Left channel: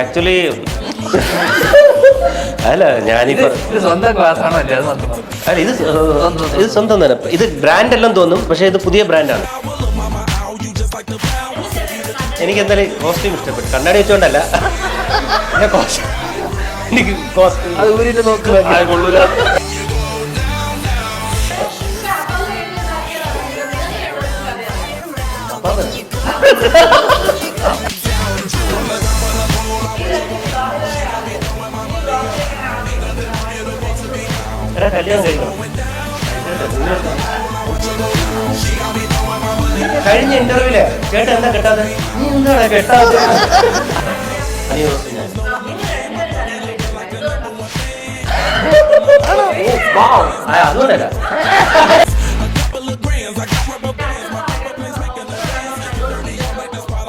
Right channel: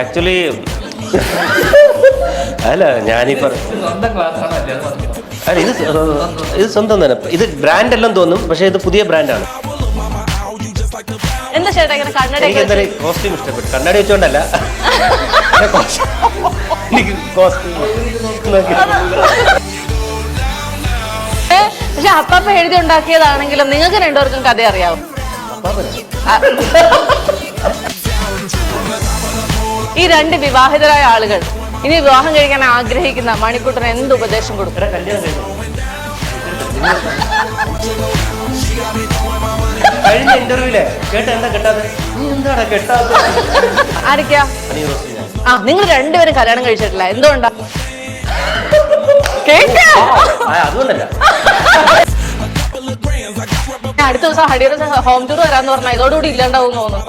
Actually അല്ല ഞാനിപ്പോ അല്ല ഇത് സ്വന്തം തന്നെ. ഇത് ബ്രാൻഡ് എല്ലാം തോന്നും, പക്ഷെ ഇത് പുതിയ ബ്രാൻഡാണ്. എനിക്ക് എന്തായാലും കോസ്റ്റ്യൂം ഇഷ്ടപ്പെട്ടു. കണ്ണാടി വെച്ചോണ്ടല്ല, എനിക്ക് കോസ്റ്റ്യൂം. പക്ഷെ അപ്പമ്മ എഴുതി ഉണ്ടാക്കിയതാണെങ്കിലും നിങ്ങൾക്ക് രണ്ടുപേർക്കും കഥ അറിയാവും. ഈ രണ്ട് വിവാഹിതരായ ആളുകൾ ഇനി വിവാഹം കഴിക്കാൻ ആഗ്രഹിക്കുന്ന മണിക്കൂട്ടന് എന്ത് ഉപദേശം കൊടുക്കും? കഴിഞ്ഞ ഇന്റർവ്യൂല് കേട്ട എന്താ കെട്ടാതെ? നീ എന്താണ് കെട്ടാതെ? ആരൊക്കെയാ? നിങ്ങൾ രണ്ടുപേരും കല്യാണം കഴിച്ചിട്ടില്ല, എന്തുകൊണ്ടാ? അതുകൊണ്ടല്ല. അടുത്ത ദിവസം ഹരിയുടെ ഹോം ടൂർ വരാന്ന് പറഞ്ഞാൽ ഇതോടുകൂടി ഇല്ലാണ്ടാവും തോന്നുന്നു.